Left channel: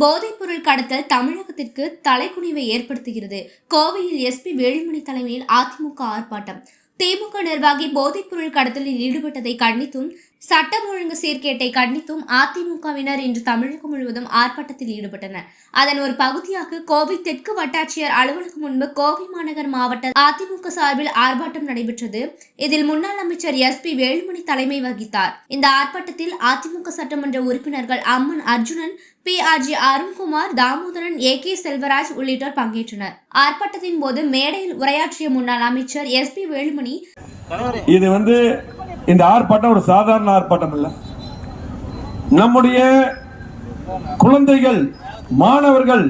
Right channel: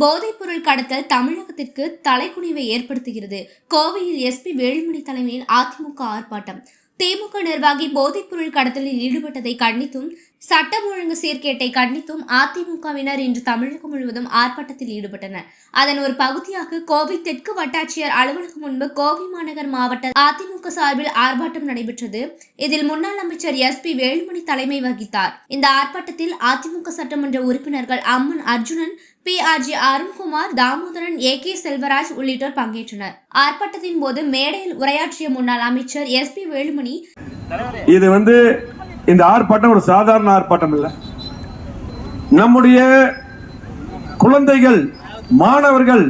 போதைப்பொருள் கடத்தல் தமிழகத்திற்கு தலைக்குனிவை ஏற்படுத்துகிறது. கோவையில் எஸ்பி வேலுமணி தலைமையில் அதிமுக ஆர்ப்பாட்டம். திமுக நிர்வாகி போதைப்பொருள் கடத்தலில் ஈடுபட்டதை கண்டித்தும் சட்டம் ஒழுங்கு சீர்கேட்டை கண்டித்தும் அதிமுகவினர் இன்று தமிழகம் முழுவதும் ஆர்ப்பாட்டத்தில் ஈடுபட்டனர். அதன் ஒரு பகுதியாக கோவை தெற்கு வட்டாட்சியர் அலுவலகம் முன்பு கோவை மாநகர் மாவட்ட அதிமுக சார்பில் ஆர்ப்பாட்டம் நடைபெற்றது. இதில் முன்னாள் அமைச்சர் எஸ் பி வேலுமணி தலைமை வகித்தார். இந்த ஆர்ப்பாட்டத்தில் அதிமுக சட்டமன்ற உறுப்பினர்கள் Amman Arjunan P R G Arunkumar Damodaran A K Selvaraj உள்ளிட்டோர் பங்கேற்றனர். ஆர்ப்பாட்டத்தின் போது மேடையில் உரையாற்றிய முன்னாள் அமைச்சர் எஸ் பி வேலுமணி இது வந்து இந்த ஆர்ப்பாட்டம் ஒரு சாதாரண ஆர்ப்பாட்டம் இல்ல நம்முடைய குழந்தைகள் மாணவர்கள்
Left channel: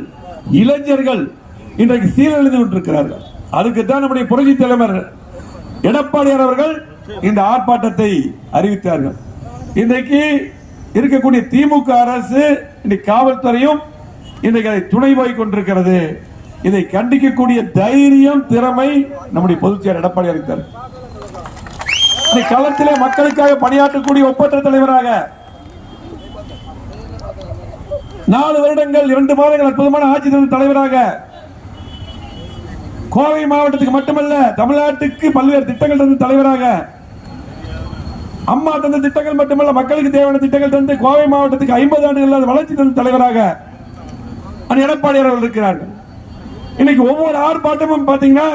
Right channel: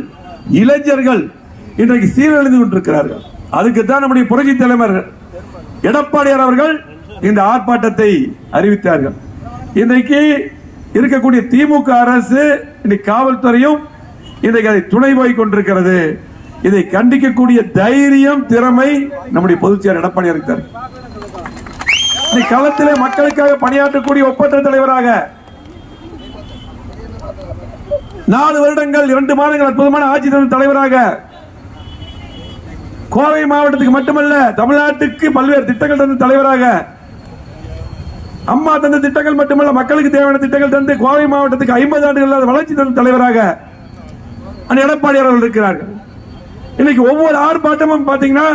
இளைஞர்கள் இன்றைக்கு சீரழிந்து கொண்டிருக்கிறார்கள். அதுக்கு தான் நம்முடைய புரட்சி தலைவர் எடப்பாடியார் அவர்கள் இந்த ஆர்ப்பாட்டத்தை அறிவித்தார்கள். இன்றைக்கு இருக்கக்கூடிய திமுக அரசு இன்னைக்கு காவல்துறையும் இன்றைக்கு அதை துணை போய் கொண்டிருக்கிறது. இதை கண்டிக்கக்கூடிய தைரியம் திறமை நம்முடைய பொதுச்செயலர் எடப்பாடியாருக்கு தான் நீ களத்திலே மக்களுக்காக பணியாற்றக்கூடிய ஒப்பற்ற தலைவராக நாலு வருடங்கள் இரண்டு மாதங்கள் அற்புதமான ஆட்சி தலைவர் தலைவராக கோவை மாவட்டத்துக்கு மட்டுமல்ல தமிழ்நாட்டுக்கு பல்வேறு திட்டங்கள் தந்த தலைவராக அம்மா தந்த திட்டங்கள் மட்டுமல்ல மக்களுக்கு தேவையான திட்டங்கள் தந்து கோவை மாவட்டத்துக்கு ஐம்பது ஆண்டுகள் வளர்ச்சி தந்த தலைவராக அந்த எடப்பாடி அவர்கள் இருக்கிறார்கள். இன்னைக்கு ஒவ்வொரு ஆர்ப்பாட்டமும் பார்த்தீங்கன்னா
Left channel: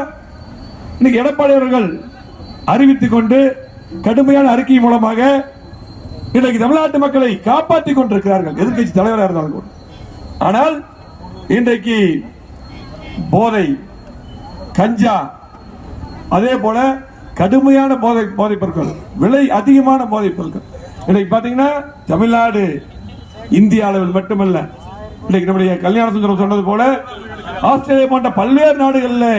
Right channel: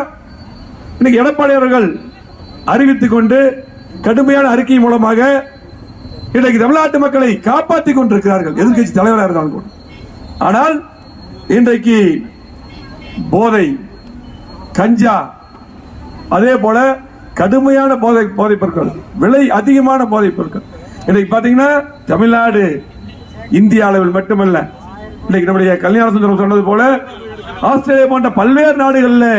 இன்னைக்கு எடப்பாடி அவர்கள் அறிவித்துக் கொண்டு கடுமையான அறிக்கை மூலமாக இன்றைக்கு தமிழ்நாட்டு மக்களை காப்பாற்றிக் கொண்டிருக்கிறார்கள் எதிர்கட்சி தலைவராக இருந்தாலும் கூட. ஆனால் இன்றைக்கு போதை கஞ்சா அதே போல கடுமையான போதை போதைப் பொருட்கள் விலை அதிகமான போதைப் பொருட்கள். இன்னைக்கு பாத்தீங்கன்னா தமிழ்நாடு இந்திய அளவில் மட்டுமல்ல இன்னைக்கு நம்முடைய கல்யாண சுந்தரம் சொன்னது போல ஆஸ்திரேலியா போன்ற பல்வேறு நாடுகளில்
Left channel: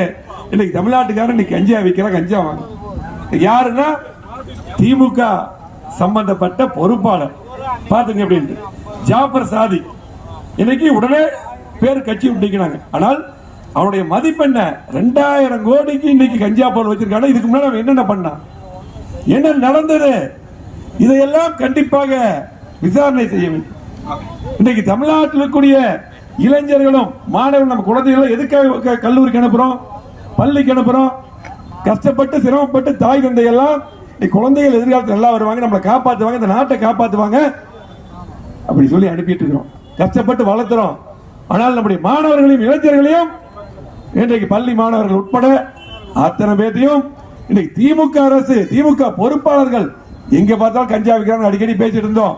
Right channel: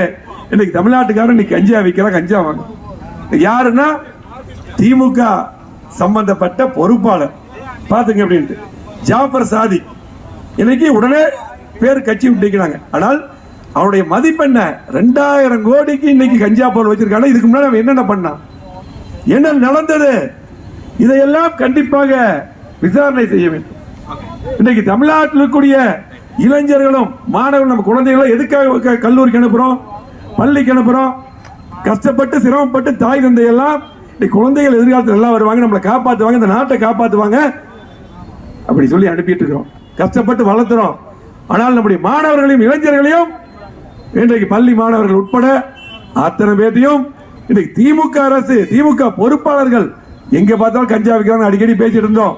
இன்னைக்கு தமிழ்நாட்டுக்காரன் இன்னைக்கு கஞ்சா விற்கிற கஞ்சா வாங்க யாருன்னா திமுக சம்பந்தப்பட்ட பொறுப்பாளர். பாத்துங்க அப்படின்ட்டு ஜாஃபர் சாதி. இன்னைக்கு உடனே பேர் கட்சி விட்டுக்கிறாங்க ஆனால் அவருடைய மதிப்பு என்ன? ரெண்டாயிரம் கோடிக்கு இன்னைக்கு கஞ்சா பொருள் வச்சிருக்காங்க. இதுக்கு முன்னாடி என்னென்ன பண்ணான்? என்ன நடந்தது? இதையெல்லாம் கண்டிப்பாக விசாரணை செய்ய வேண்டும். இன்னைக்கு தமிழ்நாட்டில் இருக்கக்கூடிய இளைஞர்களும் மாணவர்கள் நம்ம குழந்தைகளும் எதுக்காக க- கல்லூரிக்கு அனுப்புறோம்? பள்ளிக்கு அனுப்புறோம்? கஷ்டப்பட்டு சிரமப்பட்டு தாய் தந்தை எல்லாம் இன்னைக்கு குழந்தைகள் எதிர்காலத்தில் நல்லா வருவாங்க நம்மளை காப்பாற்றுவாங்க இந்த நாட்டை காப்பாற்றுவாங்க அப்படி சொல்லி அனுப்பிட்டு இருக்கிறோம் கஷ்டப்பட்டு வளர்த்துறோம். ஆனால் நம்முடைய மாணவர்களையும் இளைஞர்களையும் இன்றைக்கு பள்ளி மாணவர்கள் உட்பட அத்தனை பேர்த்தையும் இன்னைக்கு திமுக அரசு திமுக பொறுப்பாளர்கள் எங்க பார்த்தாலும் கஞ்சா விற்கிறாங்க அடிக்கடி பேசிட்டு இருந்தோம்.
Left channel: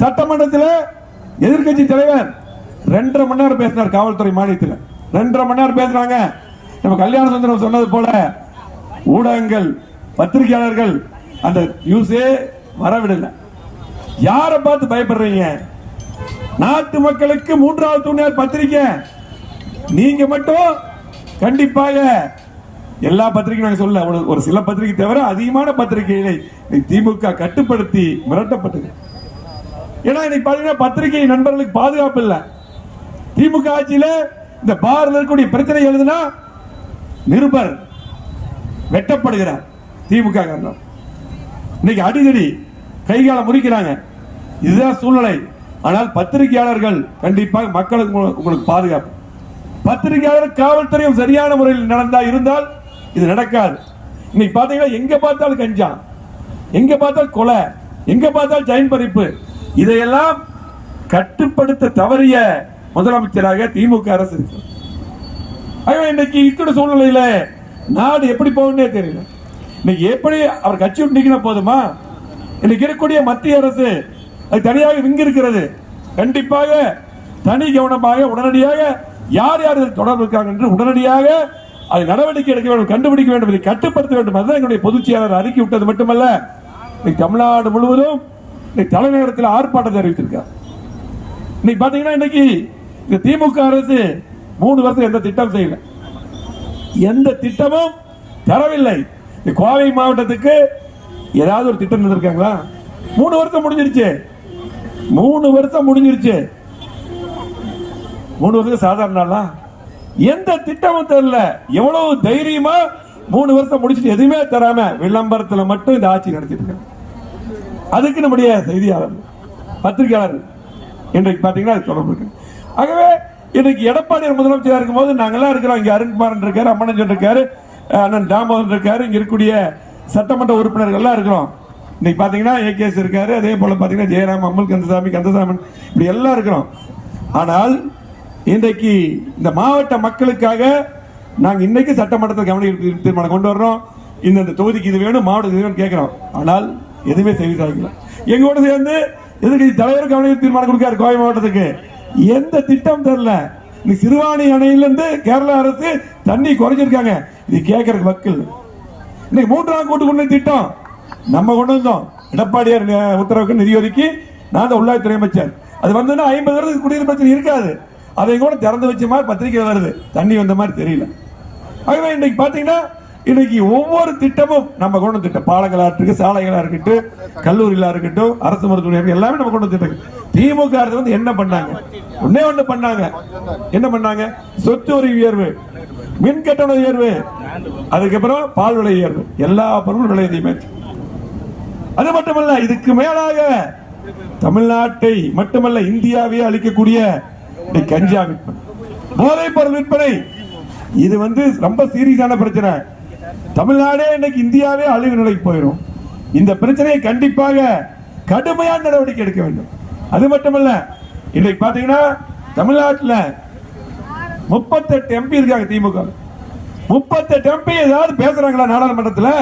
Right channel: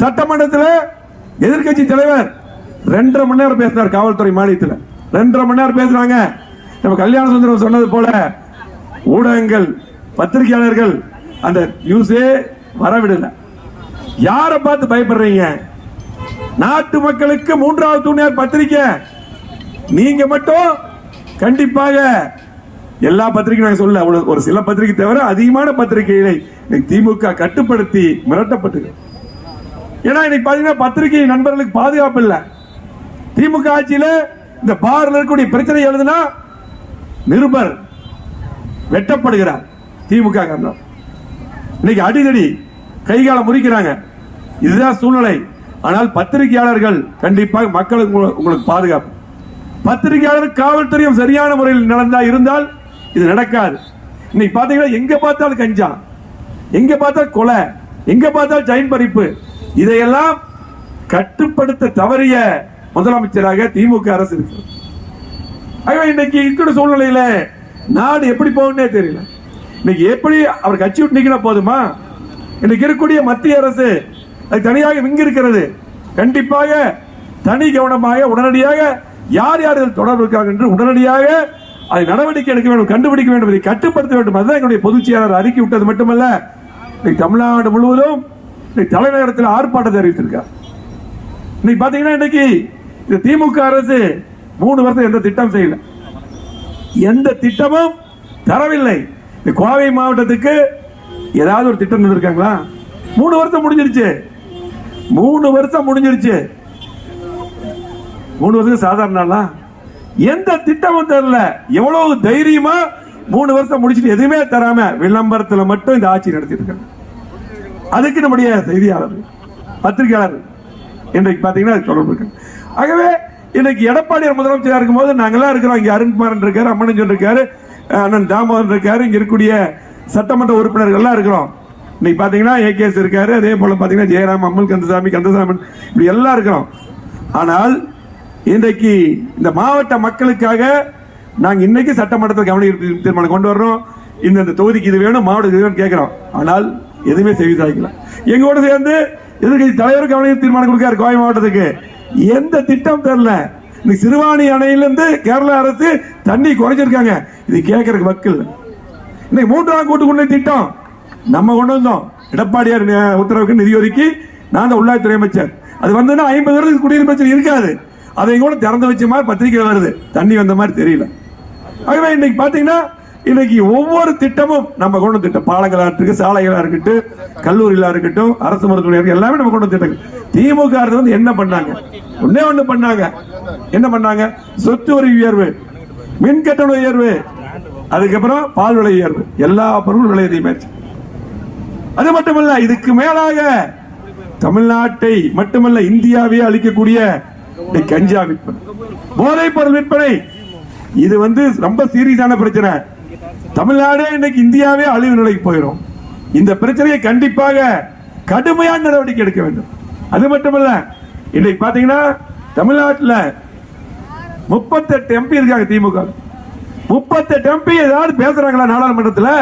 சட்டமன்றத்தில் எதிர்க்கட்சி தலைவர் ரெண்டரை மணி நேரம் பேசினார் காவல்துறை மானியத்தில் ரெண்டரை மணி நேரம் பேசுறாங்க. நம்ம கல்யாண சுந்தரம் சொன்னது போல ஊடகங்கள் பத்திரிகையாளர்கள் அந்த நியூஸே வரவிடல. யாரை பார்த்து பயப்படுறீங்க? நாட்டு மக்களுக்கு மூன்றாவது துணையார் பத்திரிக்கை. நீங்க மட்டும் கண்டிப்பாக எல்லா பத்திரிகை நாங்க சொல்ல ஒரு சில பத்திரிகை தவிர அதிகமான பத்திரிகைகளை திமுக கட்டுப்படுத்தி மிரட்டப்பட்டது. ஏன்னா இன்னைக்கு பாத்தீங்கன்னா பத்திரிகை நண்பர்களுக்கு பாதுகாப்பு இல்லை. திமுக ஆட்சியில இந்த பார்ல இருக்கக்கூடிய பிரச்சனை எழுதுனா நிருபர் வெட்டப்படுகிறார். திமுக காரணம் இன்னைக்கு அடிதடி கைகால முறிக்கிறாங்க. இதுதான் சூழ்நிலை. ஆனால் பத்திரிகையாளர்கள் கண்டிப்பாக மக்களுக்கு உங்களுக்கு பாதுகாப்பு. பத்திரிகையாளர் காவல்துறையும் சரியான முறையில் நடந்தா இருந்தால் இது நடக்காது. இன்னைக்கு பாத்தீங்கன்னா எங்க பார்த்தாலும் கஞ்சா. எங்க பார்த்தாலும் கொலை. எங்க பார்த்தாலும் ஜெயின் பறிப்பு. இதையெல்லாம் கட்டுப்படுத்த தவறிய முதலமைச்சராக திமுக அரசு இருக்கு. ஆகவே இன்னைக்கு இருக்கிற சூழ்நிலையில நாடு எப்படி போகும்னே தெரியல. இன்னைக்கு எப்படி அவர் கட்சி விட்டு நிக்கிற போதுமா? இன்னைக்கு இருக்கக்கூடிய மத்திய அரசு அது தனியாக இங்கு இருக்கிறது கண்டிப்பாக தனி கவனமாக உடனடியாக யார் யார் தொடர்பு இருக்கிறார்கள் என்று உடனடியாக அதை நடவடிக்கை எடுக்க வேண்டும் கண்டுபிடிக்க வேண்டும் இதை கட்டுப்படுத்த வேண்டும். அதுதான் எங்களுடைய பொதுச் செயலாளர் அறிக்கை விட்டது மட்டுமல்ல இன்னைக்கு தமிழ்நாடு முழுவதும் இன்னைக்கு தலைநகரத்தில் ஆர்ப்பாட்டத்தை அறிவித்திருக்கார். இன்னைக்கு பாத்தீங்கன்னா இன்னைக்கு இந்த திமுக அரசு மூணு வருஷம் எந்த திட்டம் செய்யல. எந்த திட்டமும் தரவில்லை. இந்த கோவை மாவட்டத்துக்கு ஏதாவது ஒரு திட்டம் தந்திருக்காங்களா மூணு வருஷம் முடிஞ்சிருச்சு. மூணு வருஷம் முடிஞ்சிருச்சு. மூணு வருஷம் சாதாரண எந்த திட்டமும் தரல. எவ்வளவு தைரியமா மூணு வருஷம் முடிச்சுட்டு எதுவுமே தராம விளம்பரத்தில் மட்டும் இந்த ஆட்சி நடத்திட்டு இருக்காங்க. அதுக்கு நம்முடைய செய்தியாளர் பத்திரிகையாளர் இன்றைக்கு பாத்தீங்கன்னா அது தொடர்பு இருக்கு. ஆகவே இன்னைக்கு முதலமைச்சராக இருக்கும் போது நாங்கெல்லாம் இருக்கிறோம். இங்க அருண்குமார் இருக்காரு அம்மனஞ்சன் இருக்காரு. அண்ணன் தாமோதரன் இருக்காரு. இங்க இருக்கக்கூடிய சட்டமன்ற உறுப்பினர்கள் எல்லாம் இருக்கிறோம். இன்னைக்கு பாத்தீங்கன்னா ஏகேஎஸ் இருக்காரு. அதே போல பாத்தீங்கன்னா ஜெயராம் அம்மல் கந்தசாமி கந்தசாமன் இப்படி எல்லாம் இருக்கிறோம். ஆனால் இன்றைக்கு இந்த மாவட்ட மக்களுக்காக நாங்க இன்னைக்கு சட்டமன்றத்தில் கவனிக்க தீர்மானம் கொண்டு வர்றோம். இந்த இந்த தொகுதிக்கு இது வேணும் மாவட்ட இது வேணும் கேட்கிறோம். ஆனால் எதுவுமே செய்தி சாய்க்கல எங்களோட சேர்ந்து எதிர்கட்சி தலைவர் கவனிக்க தீர்மானம் கொடுக்காரு கோவை மாவட்டத்துக்கு. எந்த திட்டம் தெரில? இந்த சிறுவாணி அணையிலிருந்து கேரளா அரசு தண்ணி குறைஞ்சிருக்காங்க இது கேட்கறதுக்கு மக்கள் இன்னைக்கு மூன்றாம் கூட்டு கொண்டு திட்டம். நம்ம கொண்டு வந்தோம். எடப்பாடியார் உத்தரவுக்கு நிதி ஒதுக்கி நான் தான் உள்ளாட்சித்துறை அமைச்சர். அது வந்ததுன்னா ஐம்பது வருடத்துக்கு குடியிருப்பு பிரச்சனை இருக்காது. அதை கூட திறந்து வச்ச மாதிரி பத்திரிக்கை வருது. தண்ணி வந்த மாதிரி தெரியல. ஆகவே இன்னைக்கு பாத்தீங்கன்னா இன்னைக்கு ஒவ்வொரு திட்டமும் நம்ம கொண்டு திட்டம். பாலங்களா இருக்கு சாலைகளா இருக்கட்டும் கல்லூரிகளா இருக்கட்டும் அரசு மருத்துவமனை எல்லாமே நம்ம கொண்டு திட்டம். திமுக வந்து என்ன பண்ணாங்க? ஒன்னே ஒண்ணு பண்ணாங்க. என்ன பண்ணாங்க? சொத்து வரி உயர்வு மின் கட்டண உயர்வு அதுக்கப்புறம் பால் விலை உயர்வு. எல்லா பொருளும் விலை அதிகமாச்சு அது மட்டுமல்ல இதுக்கு மேலாக தமிழ்நாட்டை மட்டுமல்ல இந்தியாவே அளிக்கக்கூடிய இந்த கஞ்சா விற்பனை. போதைப் பொருள் விற்பனை. இது வந்து ரொம்ப சீரியஸான பிரச்சனை. தமிழ்நாடே இன்னைக்கு இந்தியாவே அழிவு நிலைக்கு போயிடும் இந்த பிரச்சனையை கண்டிப்பாக கடுமையான நடவடிக்கை எடுக்க வேண்டும். அது மட்டுமல்ல இன்னைக்கு பாத்தீங்கன்னா தமிழ்நாட்டில் முப்பத்தெட்டு எம்பி இருக்காங்க திமுக. முப்பத்தெட்டு எம்பி ஏதாவது பேசுறாங்களா நாடாளுமன்றத்தில்?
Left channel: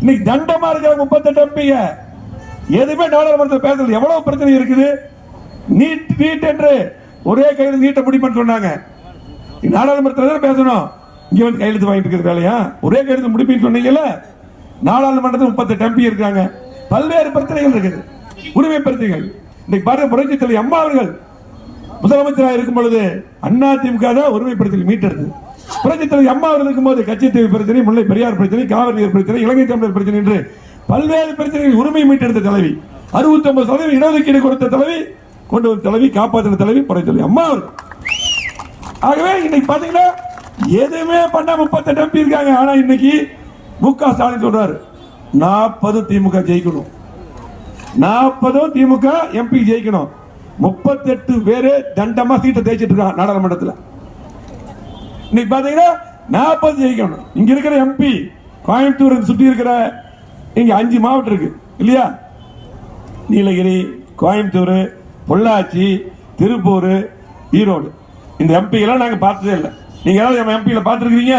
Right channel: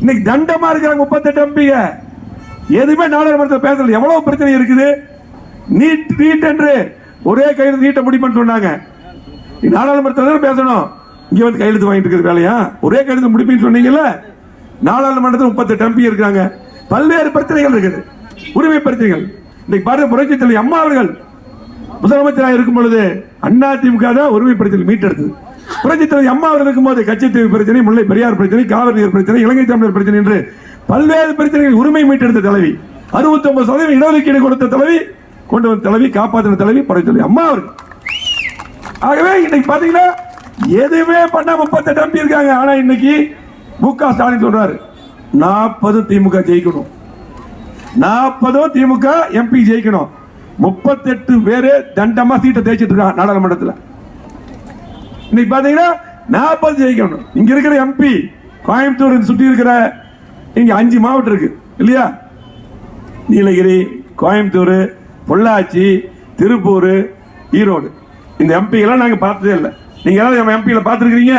இன்னைக்கு தண்டமா இருக்கிறாங்க முப்பத்தெட்டு எம்பிங்க எதுவுமே நாடாளுமன்றத்தில் பேசல. எவ்வளவு பிரச்சனை இருக்குது? நீட் நீட் என்று ஒரே கையில் நீட்டை முடிப்பேன்னு சொன்னாங்க. நாடாளுமன்றத்தில் தான் பேசணும்? இங்க வந்து கையெழுத்து வாங்கிட்டு இருக்கிறது வேலையா? ஒரே கையெழுத்து முடிப்புன்னு சொன்னீங்கல்ல? நாடாளுமன்றத்தில் முப்பத்தெட்டு எம்பி இருக்காங்க பல்வேறு பிரச்சனைகள் இருக்குது. உரிமை பிரச்சனைகள் இன்னைக்கு பாருங்க புரட்சி தலைவி அம்மா அவர்கள் முதலமைச்சராக இருக்கும் பொழுது அண்ணா திமுக தான் உரிமை பிரச்சனை மீட்டெடுத்து புரட்சி தலைவி அம்மா அவர்கள் இருக்கும்போது கச்சத்தீவு பிரச்சனை முல்லை பெரியார் பிரச்சனை காவிரி நீர் பிரச்சனை இலங்கை தமிழர் பிரச்சனை என்று பல்வேறு பிரச்சனைகள் உரிமை மீட்டெடுத்த தலைவி. அறுபத்தி ஒன்பது சதவீதம் இடஒதுக்கீடு கொடுத்த தலைவி கொண்டு வந்த தலைவி காப்பாற்றின தலைவி புரட்சி தலைவி அம்மா அவர்கள். ஆகவே இன்னைக்கு பாத்தீங்கன்னா எதுவுமே பண்ண முப்பத்தெட்டு எம்பி இருக்காங்க. ஆனா இன்னைக்கு மு க ஸ்டாலின் சொல்றாரு நாற்பது திமுக ஜெயிக்கணும். நாற்பதும் திமுக எம்பி ஜெயிக்கணும். முப்பத்தெட்டு பேரு தண்டமா சீட்டை தேய்ச்சிட்டு இருக்காங்க நாடாளுமன்றத்தில். இன்னைக்கு பாத்தீங்கன்னா நாற்பது ஜெயிக்கணும். இங்க இருக்கிற எம்பி கோயம்புத்தூர் சுற்றி இருக்கிற இங்க அஞ்சு மாவட்டம் இருக்கு. இல்லையா? நீலகிரி கோயம்புத்தூர் பொள்ளாச்சி திருப்பூர் ஈரோடு. இந்த எம்பி எல்லாம் நாங்கள் பார்த்ததே இல்லை. நீங்க எல்லாம் நம்ம எம்பியில பார்த்துருக்கீங்க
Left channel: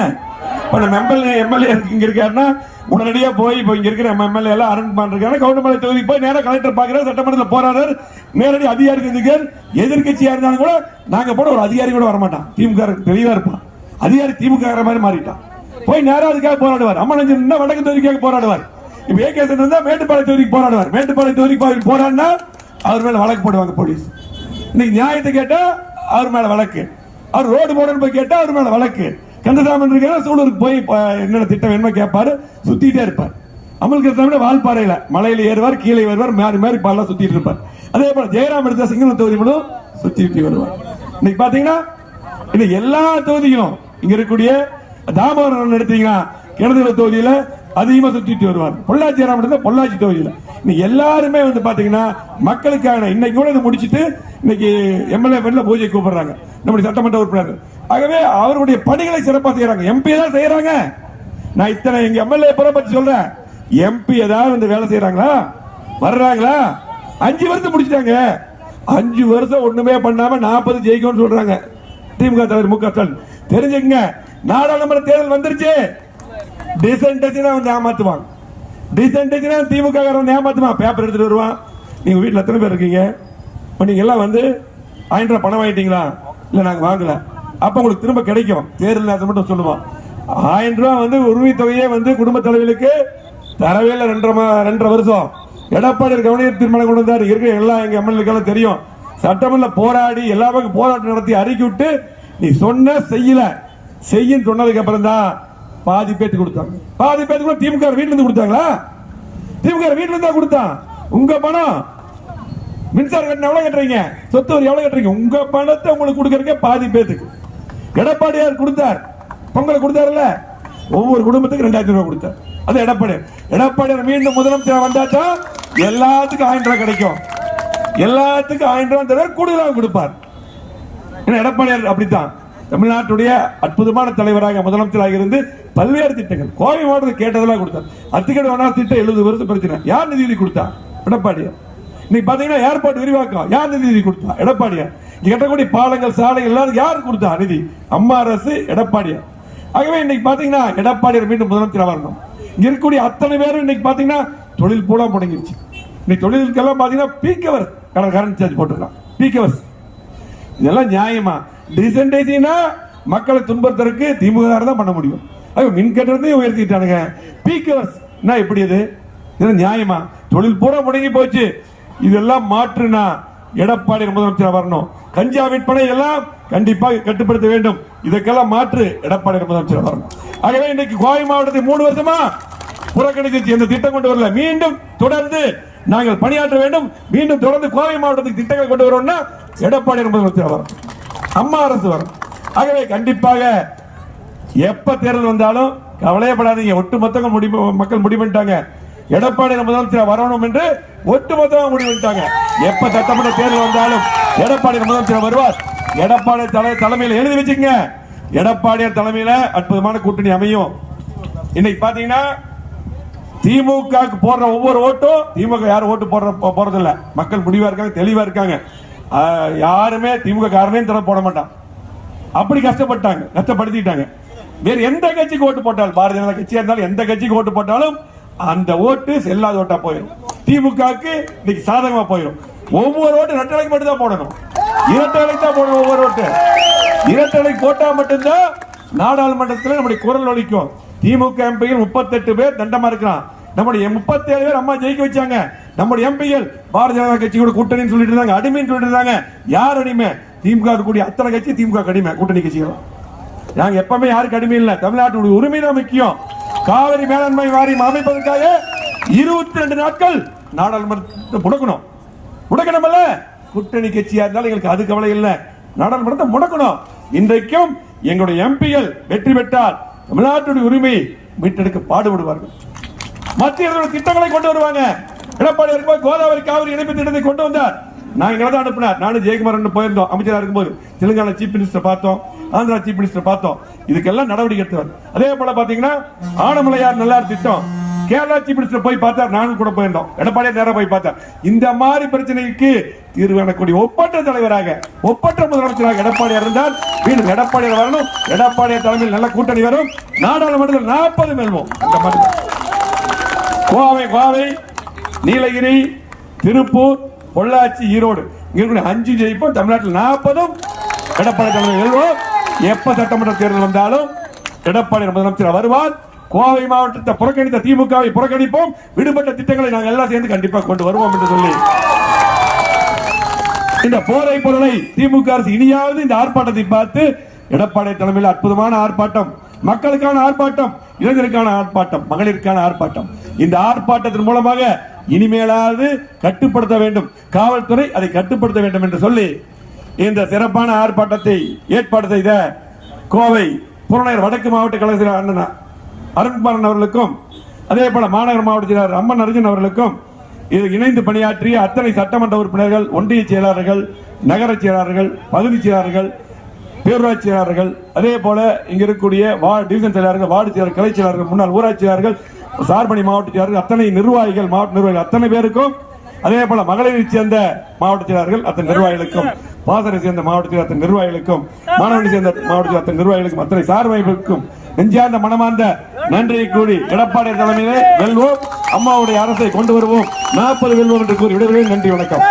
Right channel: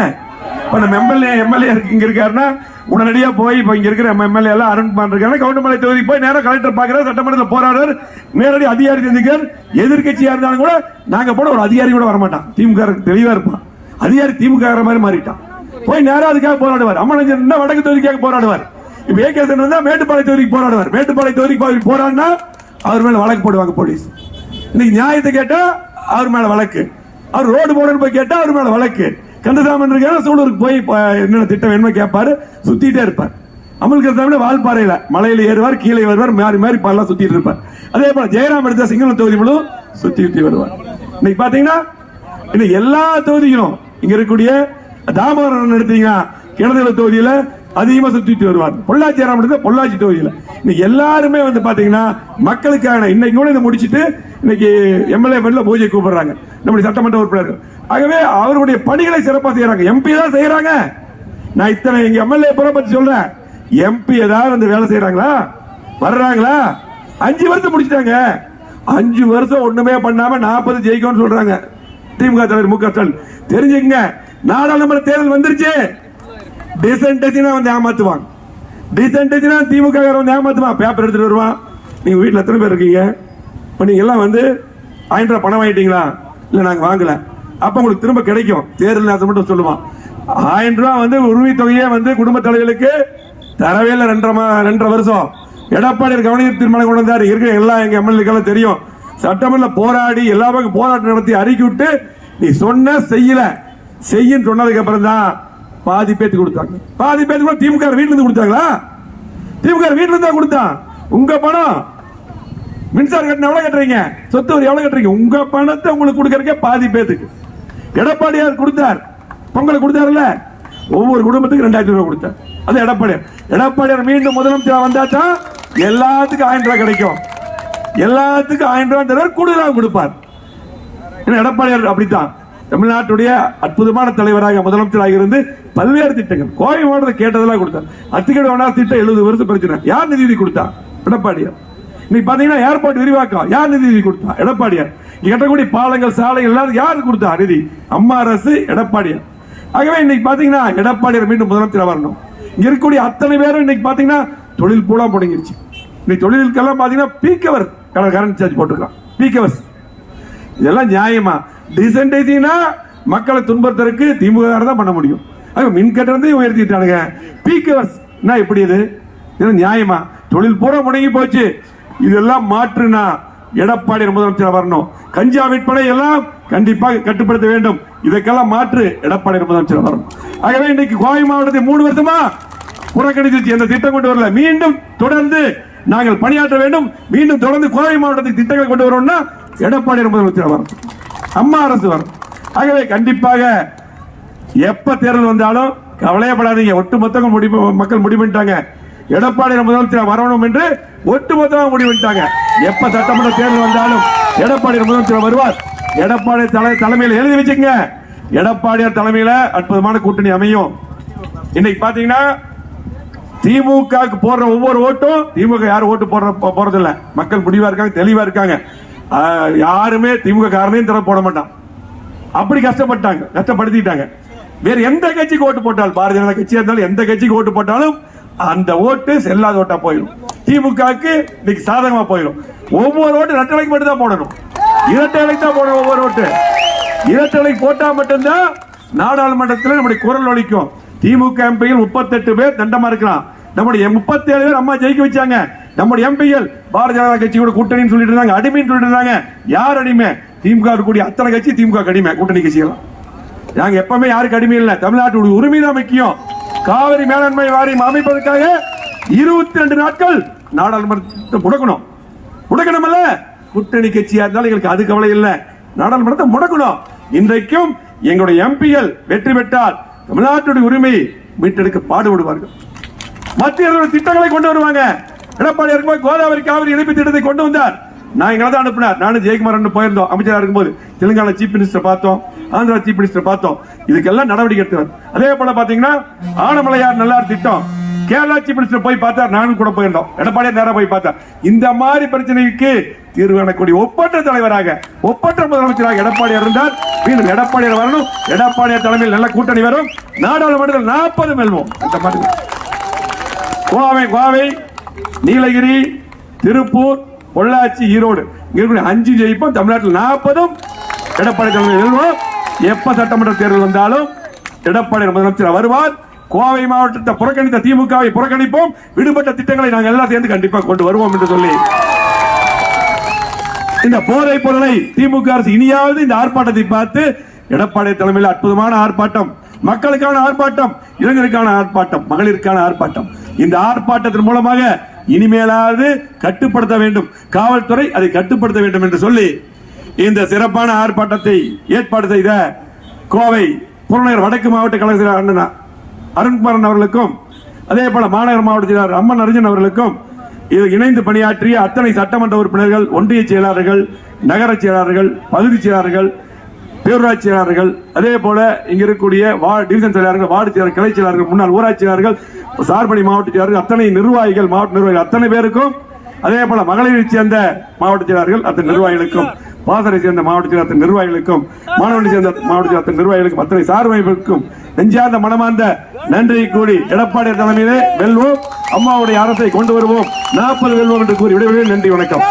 இப்ப நம்ம எம்எல்ஏ எம்எல்ஏ இங்க இருக்காருன்னா உடனடியா போய் இப்ப இங்க இருக்கிற எம்எல்ஏ எல்லாம் அருண்குமார் இருக்காரு கவுண்டமலை தொகுதிக்கு போய் நேரா கலெக்டர் பாக்குறாரு சட்டமன்றத்தில் போராடுறாரு. நேரடி அதிகாரி சந்திக்கார் எதிர்க்கட்சியா இருந்தாலும் கூட நாங்க போட ஒரு அதிகாரி கூட வரமாட்டான். திமுக தெளிவா இருப்பான். அதிகாரி திமுக மாதிரி மாறிட்டான். போய் நேரம் அதுக்காக போராடுவார். அம்மனஞ்சன் வடக்கு தொகுதிக்காக போராடுவார். இப்ப ஏகேசன் இருந்தா மேட்டுப்பாளைய தொகுதிக்கு போராடுவார். மேட்டுப்பாளைய தொகுதிக்கு போய் போராடினா அவர் மேல வழக்கு போடுவாங்க போலீஸ். இன்னைக்கு நியாயத்தை கேட்டா அவர் மேல வழக்கு. அவர் ரோடு போடணும் போய் கேட்டா அவர் மேல வழக்கு. கந்தசாமி இருக்காரு சூலூருக்கு போய் ப- என்னென்ன திட்டம் என்ன கேட்பாரு சுத்திட்டே இருப்பார். அமல் கந்தசாமி வால்பாறையில மலையில ஏறுவார் கீழே வருவார் மாறி மாறி பாலாம் சுத்திட்டு இருப்பார். அதே போல ஜெயராம் எடுத்த சிங்களம் தொகுதி முழு சுத்தி சுத்தி வருவார். இன்னைக்கு பாத்தீங்கன்னா இன்னைக்கு எல்லா தொகுதியும் இங்க இருக்கக்கூடிய தாமோதரன் எடுத்தீங்கன்னா கிணத்துல தொகுதியில அதிகமாக சுத்திட்டு வருவார். பொள்ளாச்சி ஜெயராம் பொள்ளாச்சி தொகுதியில். இன்னைக்கு எல்லாருமே வந்து பாத்தீங்கன்னா மக்களுக்கான இன்னைக்கு கூட இதை முடிச்சுட்டு இன்னைக்கு எம்எல்ஏ பேர்ல பூஜை கூப்பிடுறாங்க. நம்முடைய சட்டமன்ற உறுப்பினர்கள். ஆகவே அவருடைய பணிகளை சிறப்பாக செய்யறாங்க. எம்பி தான் செய்யறாங்க? நான் இத்தனை எங்க எம்எல்ஏ புற பத்தி சொல்றேன். எம்பி ஏதாவது வந்து வேலை செய்யறாங்களா? வர்றாங்களா? அஞ்சு வருஷம் முடிச்சிட்டாங்க. அஞ்சு வருஷம் ஒண்ணுமே பண்ணாம நாற்பது ஜெயிக்கும்னு சொல்றாங்க. திமுக தலைவர் மு க ஸ்டாலின். தெரிஞ்சுங்க நாடாளுமன்ற தேர்தல் வந்துருச்சு. டிசன்டேஷனா வந்து ஏமாத்துவாங்க டிசன்டேஷனா திமுக காரன் வந்து ஏமாத்துவான். பேப்பர் எடுத்துட்டு வருவான். நீங்க வீட்டில் எத்தனை பேர் இருக்கீங்க? இப்போ நீங்க எல்லாம் வந்து ஆயிரம் ரூபாய் பணம் வாங்கிட்டீங்களா? இல்லை நாங்கள் வாங்கல. அப்போ உங்களுக்கு திரும்ப கிடைக்கும். தேர்தல் அதை மட்டும் சொல்லுவான். ஆயிரம் ரூபா வந்து உரிமை தொகையே வந்து குடும்ப தலைவர்களுக்கு தரவே இல்லை. ரெண்டரை ரெண்டரை வருஷம். எடப்பாடி கவனிய தீர்மானம் கொண்டு வந்தாரு. இருக்கிற எல்லா எங்க எம்எல்ஏக்களும் தெரியும். சட்டமன்ற போராடி எல்லாமே போராட்டம் நடத்தி அறிக்கை விட்டு நீ சொன்ன செய்யல. செய்யும் சொன்னதுக்கு அப்புறம் தான் பாதி பேத்து கொடுத்தாங்க பாதி பேத்து கூட திமுக வீட்டுல இருந்து கொடுத்தாங்களா? திமுக வீட்டுல இருந்தா கொடுத்தான். உங்க பணம் மின்சாரம் கட்டணம் எவ்வளவு கட்டுறீங்க? சொத்து வரி எவ்வளவு கட்டுறீங்க? உங்க பணத்தை உங்களுக்கு கொடுக்கறதுக்கே பாதி பேத்துக்கு. எடப்பாடியார் கொடுத்தார். பொங்கல் கொடுத்தாருல்ல? ஒவ்வொரு குடும்பத்துக்கு ரெண்டாயிரத்தி ரூபாய் கொடுத்தார். அது எடப்பாடியார். எடப்பாடியார் மீண்டும் முதலமைச்சர் வந்தா தான் எல்லாத்துக்கும் ஆயிரம் ரூபாய் கிடைக்கும். எல்லாத்துக்கும் ஆயிரம் ரூபாய் தருவார் கூடுதலாக கொடுப்பார். ஏன்னா எடப்பாடியார் அப்படித்தான். தமிழ்நாட்டுடைய அற்புதமான தலைவராக முதலமைச்சராக இருந்து பல்வேறு திட்டங்கள். கோவை மாவட்டத்தை கேட்டதெல்லாம் கொடுத்தார். அத்திக்கடை வேணா திட்டம் எழுபது வருஷம் பிரச்சனை யார் நிதி கொடுத்தா? எடப்பாடியார். இன்னைக்கு பாத்தீங்கன்னா ஏர்போர்ட் விரிவாக்கம். யார் நிதி கொடுத்தா? எடப்பாடியார். கேட்டக்கூடிய கட்டக்கூடிய பாலங்கள் சாலை எல்லாம் யார் கொடுத்தா? நிதி. அம்மா அரசு எடப்பாடியார். ஆகவே இன்னைக்கு பாத்தீங்கன்னா எடப்பாடியார் மீண்டும் முதலமைச்சர் வரணும். இங்க இருக்கக்கூடிய அத்தனை பேரும் இன்னைக்கு பாத்தீங்கன்னா தொழில் பூரா முடங்கிருச்சு. இன்னைக்கு தொழிலுக்கெல்லாம் பாத்தீங்கன்னா பீக்கவர் கரண்ட் சார்ஜ் போட்டுக்கலாம் பீக்கவர்ஸ் இதெல்லாம் நியாயமா? டிசன்டைசினா மக்களை துன்புறுத்தறதுக்கு திமுக தான் பண்ண முடியும். அது மின் கட்டணத்தையும் உயர்த்திட்டானுங்க. பீக்கர்ஸ் என்ன இப்படி இது? நியாயமா? தொழில் பூரா முடங்கி போச்சு. இதெல்லாம் மாற்றுனா எடப்பாடி முதலமைச்சர் வரணும். கஞ்சா விற்பனை எல்லாம் கண்டிப்பாக கட்டுப்படுத்த வேண்டும். இதற்கெல்லாம் மாற்று எடப்பாடி முதலமைச்சர் வரணும். ஆகவே இன்னைக்கு கோவை மாவட்டத்தை மூணு வருஷமா புறக்கணித்து எந்த திட்டம் கொண்டு வரல. மீண்டும் தொடர்ந்து நாங்கள் பணியாற்ற வேண்டும். மீண்டும் தொடர்ந்து கோவை மாவட்டத்துக்கு திட்டங்களை கொண்டு வரணும்னா எடப்பாடி முதலமைச்சர் வரணும். அம்மா அரசு வரும் ஆகவே கண்டிப்பாக எப்ப தேர்தல் வந்தாலும் கவலையப்படாதீங்க. ஒட்டுமொத்த முடிவு மக்கள் முடிவு பண்ணிட்டாங்க. எடப்பாடி முதலமைச்சர் வரணும் என்று ஒட்டுமொத்தமாக முடிவு பண்ணிட்டாங்க. எப்ப சட்டமன்ற தேர்தல் வந்தாலும் எடப்பாடி முதலமைச்சர் வருவார். எடப்பாடி தலைமையில் எழுதி வச்சுங்க. எடப்பாடியார் தலைமையில அற்புதமான கூட்டணி அமையும். இன்னைக்கு பாத்தீங்கன்னா திமுக போடுற ஒவ்வொரு ஓட்டும் திமுக யாரும் ஓட்டு போடுற போ- போறதில்ல. மக்கள் முடிவா இருக்காங்க தெளிவா இருக்காங்க. யாருமே திமுக காரனே திற போட மாட்டான். அப்படி கஷ்டப்பட்டாங்க கஷ்டப்படுத்திட்டாங்க. வேற எந்த கட்சிக்கு ஓட்டு போட்டாலும் பாரதிய ஜனதா கட்சியா இருந்தாலும் எந்த கட்சிக்கு ஓட்டு போட்டாலும் அந்த ஓட்டு செல்லாத ஓட்டா போயிடும். திமுகவுக்கு இன்னைக்கு சாதகமா போயிடும். ஒவ்வொரு ஓட்டு ரெட்டலைக்கு மட்டும் தான் போடணும். இரட்டைலைக்கு தான் போடணும் ஒவ்வொரு ஓட்டு. இரட்டலை போட்டா மட்டும்தான் நாடாளுமன்றத்தில் நம்முடைய குரல் ஒழிக்கும் திமுக எம்பியில் முப்பத்தெட்டு பேர் தண்டமா இருக்கிறான். நம்முடைய முப்பத்தேழு பேர் அம்மா ஜெயிக்க வச்சாங்க. நம்முடைய எம்பிகள் பாரதிய ஜனதா கட்சி கூட கூட்டணின்னு சொல்லிட்டு இருந்தாங்க அடிமைன்னு சொல்லிட்டு இருந்தாங்க. யார் அடிமை? திமுக இருக்கக்கூடிய அத்தனை கட்சி திமுக அடிமை கூட்டணி கட்சிகள்? நாங்க எப்பவுமே யாருக்கு அடிமை இல்லை. தமிழ்நாட்டுடைய உரிமை தான் முக்கியம். காவிரி மேலாண்மை வாரியம் அமைப்பதற்காக இருபத்தி ரெண்டு நாட்கள் நாடாளுமன்றத்தை முடக்கணும். முடக்கணும்ல கூட்டணி கட்சியா இருந்தாலும் எங்களுக்கு அது கவலை இல்லை. நாடாளுமன்றத்தை முடக்கணும். இன்றைக்கும் எங்களுடைய எம்பிகள் வெற்றி பெற்றால் தமிழ்நாட்டுடைய உரிமை மீட்டெடுக்க பாடுபடுவார்கள். மத்திய அரசு திட்டங்களை கொண்டு வருவாங்க. எடப்பாடி இருக்கும்போது கோதாவரி காவிரி இணைப்பு திட்டத்தை கொண்டு வந்தார். நான் இங்க தான் அனுப்பினார். நானும் ஜெயக்குமார் போயிருந்தோம். அமைச்சராக இருக்கும்போது தெலுங்கானா சீஃப் மினிஸ்டர் பார்த்தோம். ஆந்திரா சீஃப் மினிஸ்டர் பார்த்தோம். இதுக்கெல்லாம் நடவடிக்கை எடுத்தவர். அதே போல பாத்தீங்கன்னா ஆனமலையார் நல்லார் திட்டம். கேரளா சீஃப் மினிஸ்டர் போய் பார்த்தார். நானும் கூட போயிருந்தோம். எடப்பாடியார் நேரம் போய் பார்த்தார். இந்த மாதிரி பிரச்சனைக்கு தீர்வு காணக்கூடிய ஒப்பற்ற தலைவராக ஒப்பற்ற முதலமைச்சராக எடப்பாடியார் இருந்தால் மீண்டும் எடப்பாடியார் வரணும். எடப்பாடியார் தலைமையில் நல்ல கூட்டணி வரும். நாடாளுமன்றத்தில் நாற்பது வெல்வோம் இந்த மாதிரி. கோவை கோவை நீலகிரி திருப்பூர் பொள்ளாச்சி ஈரோடு. இருக்கக்கூடிய அஞ்சு ஜெயிப்போம். தமிழ்நாட்டில் நாற்பதும் எடப்பாடி தலைமையில் வெல்வோம் எப்ப சட்டமன்ற தேர்தல் வந்தாலும் எடப்பாடி முதலமைச்சர் வருவார். கோவை மாவட்டத்தை புறக்கணித்த திமுகவை புறக்கணிப்போம். விடுபட்ட திட்டங்களை நாங்கள் எல்லாம் சேர்ந்து கண்டிப்பாக கொண்டு வருவோம் என்று சொல்லி. இந்த போதை பொருளை திமுக அரசு இனியாவது இந்த ஆர்ப்பாட்டத்தை பார்த்து எடப்பாடி தலைமையில் அற்புதமான ஆர்ப்பாட்டம். மக்களுக்கான ஆர்ப்பாட்டம் இளைஞருக்கான ஆர்ப்பாட்டம் மகளிருக்கான ஆர்ப்பாட்டம். இந்த ஆர்ப்பாட்டத்தின் மூலமாக இனிமேலாவது கட்டுப்படுத்த வேண்டும். காவல்துறை அதை கட்டுப்படுத்த வேண்டும் என்று சொல்லி இந்த சிறப்பான ஆர்ப்பாட்டத்தை ஏற்பாடு செய்த கோவை புறநகர் வடக்கு மாவட்ட கலைஞர் அண்ணன் அருண்குமாரன் அவர்களுக்கும் அதே போல மாநகர மாவட்ட செயலாளர் அம்மன் அர்ஜுன் அவர்களுக்கும் இது இணைந்து பணியாற்றிய அத்தனை சட்டமன்ற உறுப்பினர்கள் ஒன்றிய செயலாளர்கள் நகர செயலாளர்கள் பகுதி செயலாளர்கள் பேரூராட்சி செயலாளர்கள் அதே போல இங்க இருக்கக்கூடிய வா- டிவிஷன் செயலாளர்கள் வார்டு செயலாளர் கிளை செயலாளர்கள் முன்னாள் ஊராட்சி செயலாளர்கள் சார்பணி மாவட்ட செயலாளர்கள் அத்தனை நிர்வாகிகள் மாவட்ட நிர்வாகிகள் அத்தனை பேருக்கும் அதே போல மகளிரை சேர்ந்த மாவட்ட செயலாளர்கள் அத்தனை நிர்வாகிகளுக்கும் பாசறை சேர்ந்த மாவட்ட செயலர் அத்தனை நிர்வாகிகளுக்கும் மாணவனை சேர்ந்த மாவட்ட செயலர் அத்தனை நிர்வாகிகளுக்கும் அத்தனை சார்பைகளுக்கும் நெஞ்சார்ந்த மனமார்ந்த நன்றியை கூறி எடப்பாடி தலைமையிலே வெல்வோம். அம்மாவுடைய அரசை கொண்டு வருவோம். நாற்பது வெல்வோம் என்று கூறி விடைபெறுகிறேன். நன்றி வணக்கம்.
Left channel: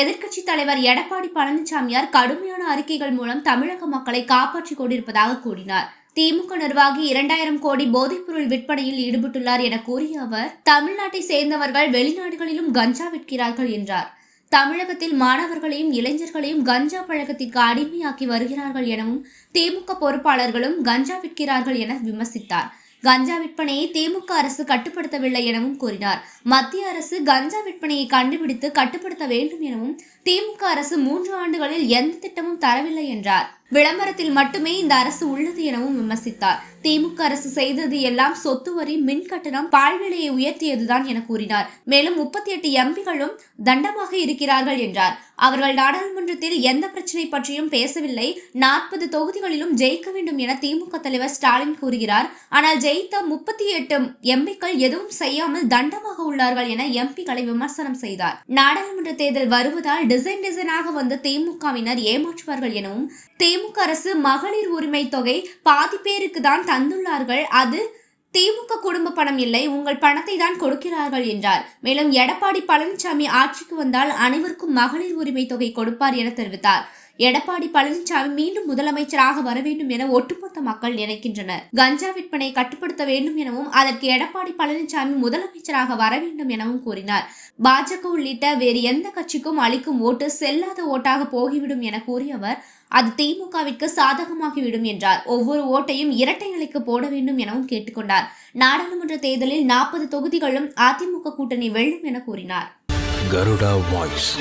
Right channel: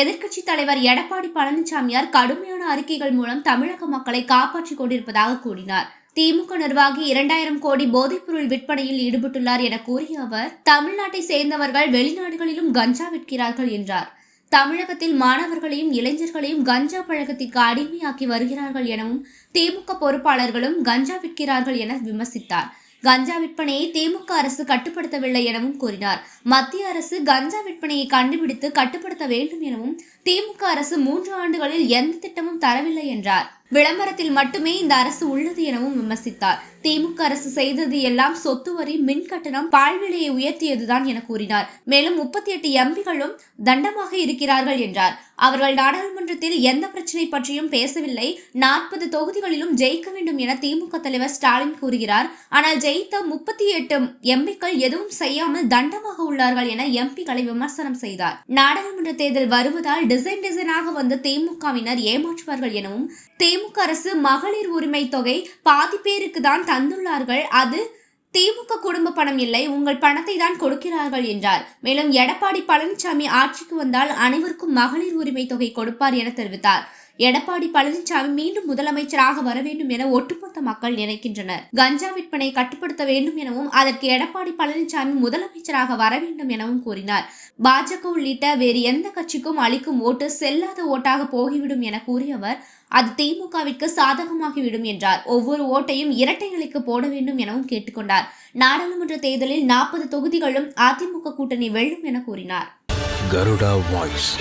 எதிர்க்கட்சித் தலைவர் எடப்பாடி பழனிசாமியார் கடுமையான அறிக்கைகள் மூலம் தமிழக மக்களை காப்பாற்றிக் கொண்டிருப்பதாக கூறினார். திமுக நிர்வாகி இரண்டாயிரம் கோடி போதைப்பொருள் விற்பனையில் ஈடுபட்டுள்ளார் என கூறிய அவர் தமிழ்நாட்டை சேர்ந்தவர்கள் வெளிநாடுகளிலும் கஞ்சா விற்கிறார்கள் என்றார். தமிழகத்தில் மாணவர்களையும் இளைஞர்களையும் கஞ்சா பழக்கத்திற்கு அடிமையாக்கி வருகிறார்கள் எனவும் திமுக பொறுப்பாளர்களும் கஞ்சா விற்கிறார்கள் என விமர்சித்தார். கஞ்சா விற்பனையை திமுக அரசு கட்டுப்படுத்தவில்லை எனவும் கூறினார். மத்திய அரசு கஞ்சா விற்பனையை கண்டுபிடித்து கட்டுப்படுத்த வேண்டும் எனவும் திமுக அரசு மூன்று ஆண்டுகளில் எந்த திட்டமும் தரவில்லை என்றார். விளம்பரத்தில் மட்டுமே இந்த அரசு உள்ளது எனவும் விமர்சித்தார். திமுக அரசு செய்தது எல்லாம் சொத்து வரி மின் கட்டணம் பால் விலையை உயர்த்தியதுதான் என கூறினார். மேலும் முப்பத்தி எட்டு எம்பிகளும் தண்டமாக இருக்கிறார்கள் என்றார். அவர்கள் நாடாளுமன்றத்தில் எந்த பிரச்சனை பற்றியும் பேசவில்லை. நாற்பது தொகுதிகளிலும் ஜெயிக்க வேண்டும் என திமுக தலைவர் ஸ்டாலின் கூறுகிறார். ஆனால் ஜெயித்த முப்பத்தி எட்டு எம்பிக்கள் எதுவும் செய்யாமல் தண்டமாக உள்ளார்கள் என எம்பிகளை விமர்சனம் செய்தார். நாடாளுமன்ற தேர்தல் வருவதால் டிசைன் டிசைனாக வந்த திமுகவினர் ஏமாற்றுவார்கள் எனவும் திமுக அரசு மகளிர் உரிமை தொகை பாதி பேருக்கு தான் தந்துள்ளார்கள். அது திமுக குடும்ப பணம் இல்லை உங்கள் பணத்தை தான் கொடுக்கிறார்கள் என்றார். மேலும் எடப்பாடி பழனிசாமி ஆட்சிக்கு வந்தால் அனைவருக்கும் மகளிர் உரிமை தொகை கொடுப்பார் என தெரிவித்தார். எடப்பாடி பழனிசாமி மீண்டும் முதலமைச்சராக வர வேண்டும் என ஒட்டுமொத்த மக்கள் நினைக்கின்றனர். கஞ்சா விற்பனை கட்டுப்படுத்த வேண்டும் எனவும் அதற்கு எடப்பாடி பழனிசாமி முதலமைச்சராக வர வேண்டும் எனவும் கூறினார். பாஜக உள்ளிட்ட வேறு எந்த கட்சிக்கும் அளிக்கும் ஓட்டு செல்லாத ஓட்டாக போகிவிடும் என கூறிய அவர் அது திமுகவிற்கு சாதகமாகிவிடும் என்றார். ஒவ்வொரு ஓட்டையும் இரட்டை இலைக்கு போட வேண்டும் எனவும் கேட்டுக்கொண்டார் நாடாளுமன்ற தேர்தலில் நாற்பது தொகுதிகளும் அதிமுக கூட்டணி வெல்லும் என கூறினார். கருடா வாய்ஸ்.